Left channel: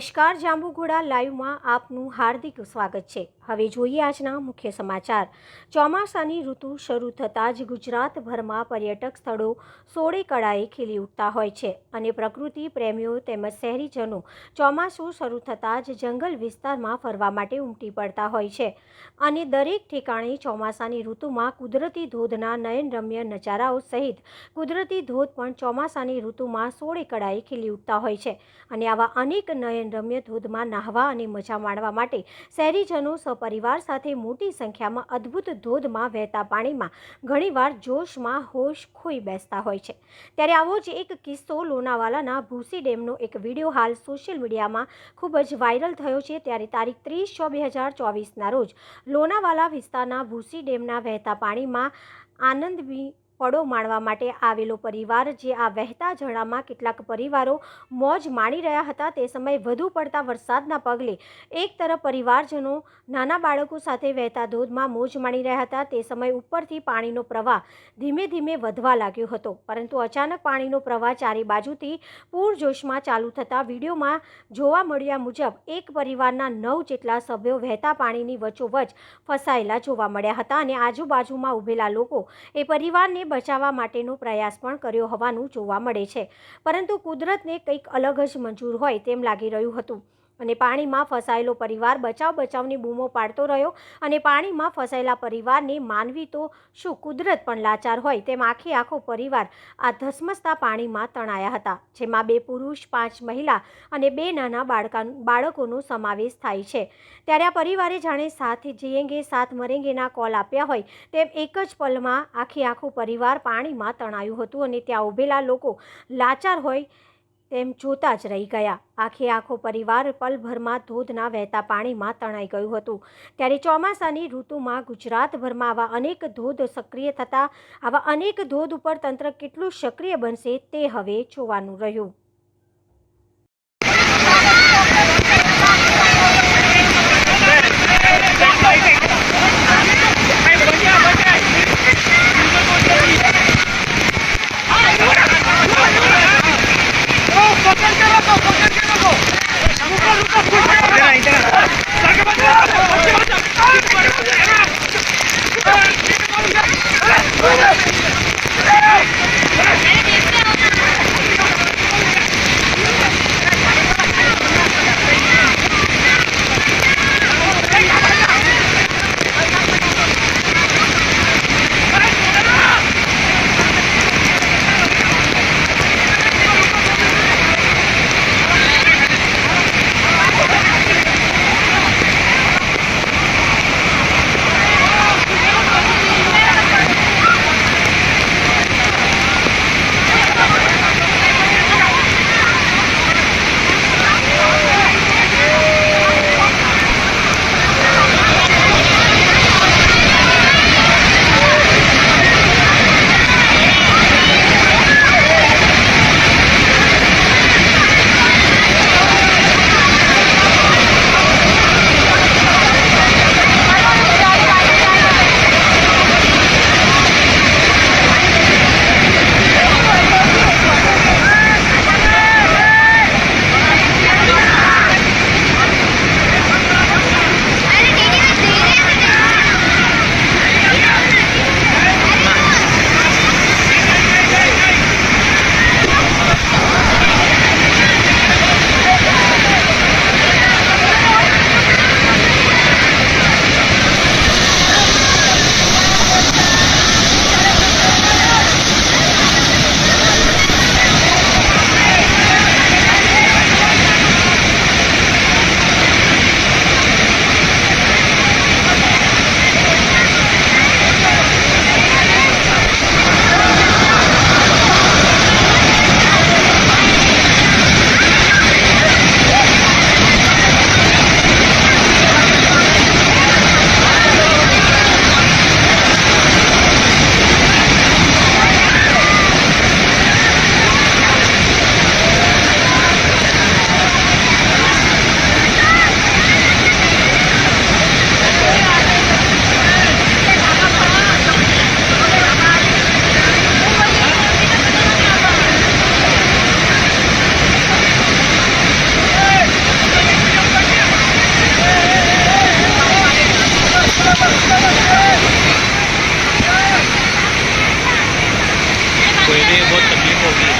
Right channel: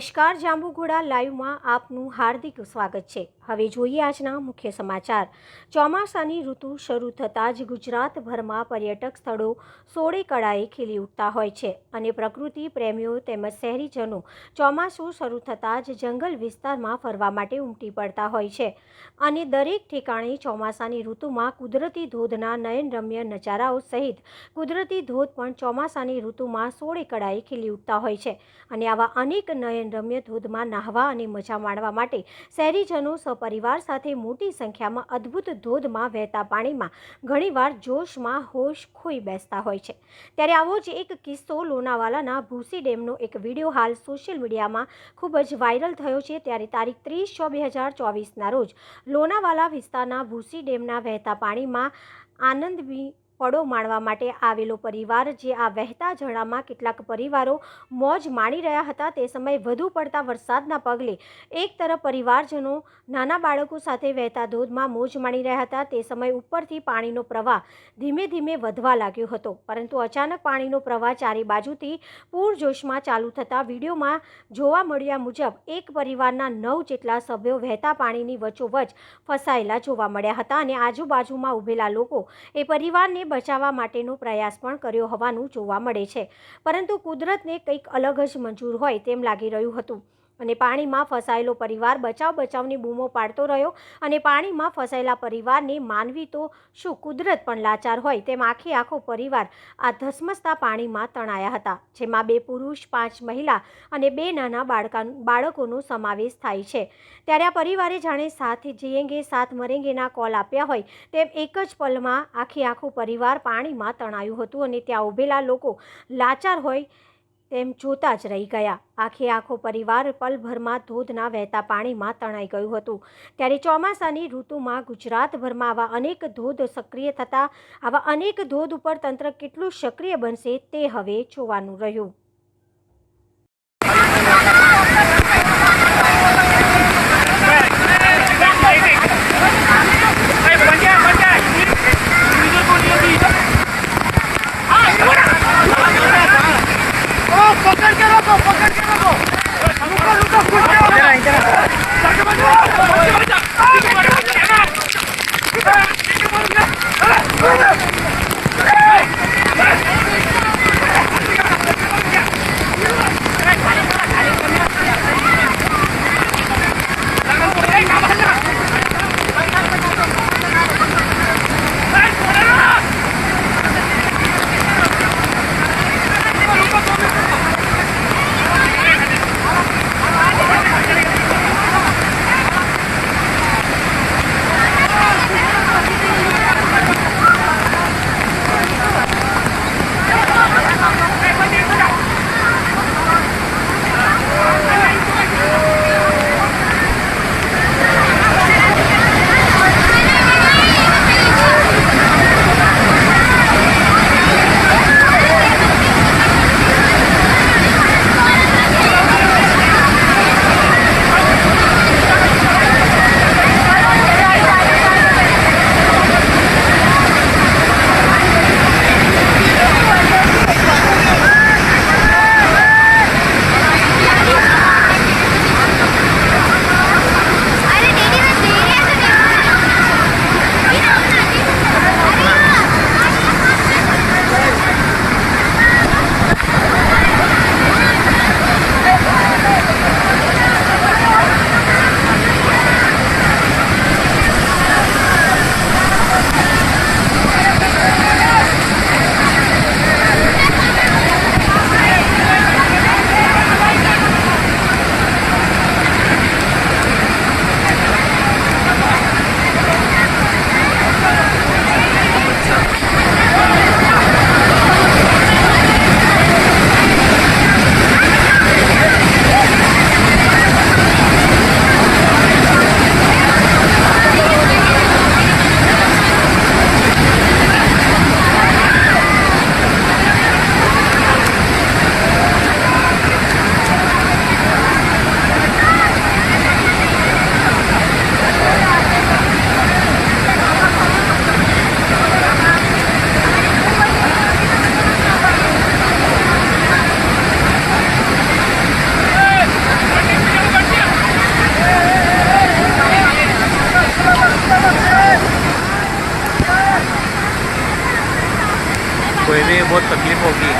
નમસ્કાર, જાંબુઘોડા લાઈવમાં આપનું હાર્દિક સ્વાગત છે. હવે જોઈએ આજના મુખ્ય સમાચાર. ચોમાસાની ઋતુ શરૂ થતાં જ ગુજરાતભરમાં પર્યટક સ્થળો સોળે કળાએ ખીલી ઉઠતા હોય છે અને પ્રકૃતિ પ્રેમીઓ તેમજ શહેરીજનો ચોમાસું શરૂ થતાં જ જંગલ વિસ્તારમાં ફરવા માટે ઉમટી પડતા હોય છે. અને દરેક ઠેકાણે ચોમાસાની ઋતુમાં કુદરતી ધોધના નયનરમ્ય નજારાઓ સહિત કુદરતી ધોધ પણ ચોમાસાની ઋતુમાં સોળે કળાએ ખીલી ઉઠતા હોય છે. અને આવા અનેક નયનરમ્ય ધોધમાં નાહવા અને મજા માણવા માટે શહેરીજનો સપરિવાર સાથે મોટી સંખ્યામાં અદ્ભુત ધોધમાં વહેતા પાણીમાં ઘણીવાર જોશમાં હોશ ખોઈ બેસતા હોય છે. ત્યારે આવો જ એક કિસ્સો લોનાવાલાના ભૂસી ડેમનો એક વીડિયો હાલ સોશિયલ મીડિયામાં ખૂબ જ વાયરલ થયો છે. ત્યારે તારીખ ત્રીસ છ બે હજાર ચોવીસના રોજ લોનાવાલા વિસ્તારના ભૂસી ડેમના વહેતા પાણીમાં આનંદવી પળો માણવા માટે આવેલો પરિવાર જે આ વહેતા ઝરણામાં કેટલાક પરિવારો મોજ માણી રહ્યા હતા, તે સમયે વધુ પડતા વરસાદના પગલે એક તરફ પરિવારજનો નાના બાળકો સાથે વહેતા ધોધમાં મોજ માણી રહ્યા હતા, તે સમયે ઉપરથી પાણીનો પ્રવાહ ધીમે ધીમે વધવા લાગ્યો હતો. પરંતુ અચાનક પાણીનો પ્રવાહ ચારે બાજુથી પૂરજોશમાં ચાલુ થતાં વિડીયોમાં જોવા મળ્યા મુજબ, એક પરિવારના નવ જેટલા સભ્યો વહેતા પાણીની વચ્ચોવચ ફસાયેલા જોવા મળ્યા હતા અને આજુબાજુમાં ઊભેલા લોકો એ પરિવારને બચાવવા માટેનો પ્રયાસ પણ કર્યો હોવાનું જોવા મળે છે. પરંતુ કુદરતને કંઈક અલગ જ મંજૂર હોય તેમ લાગી રહ્યું હતું. અને પાણીમાં ફસાયેલો પરિવાર બચાવ બચાવની બૂમો પાડતો રહ્યો અને પાણીમાં ફસાયેલા પરિવારને માનવી તો શું કુદરત પણ લાચાર હોય તેમ આખે આખો પરિવાર આ ધસમસતા પાણીમાં તણાયા હતા, જેમાં બે પુરુષ, પાંચ મહિલા અને બે નાના બાળકા બાળકોનો સમાવેશ થાય છે. ત્યારે આ પરિવારે જાણે સાથ જીએંગે સાથ મરેંગેના કોલ આપ્યા હોય તેમ એક જ પલમાં આખે આખું પરિવાર પાણીમાં તણાયું હતું અને ત્યાં ઊભેલા લોકો લાચાર હોય તેમ જોતા જ રહી ગયા. આખે આખો પરિવાર પલભરમાં ધોધના વહેતા પાણીમાં તણાઈ ગયું હતું. ત્યારે ચોમાસાની ઋતુમાં ગુજરાતભરમાં આવા અનેક ધોધ સક્રિય થતા, આવા અનેક ધોધ ઉપર તંત્ર કેટલું સક્રિય બનશે તે હવે જોવાનું રહ્યું. कोई भी बहुत तकलीफ होगी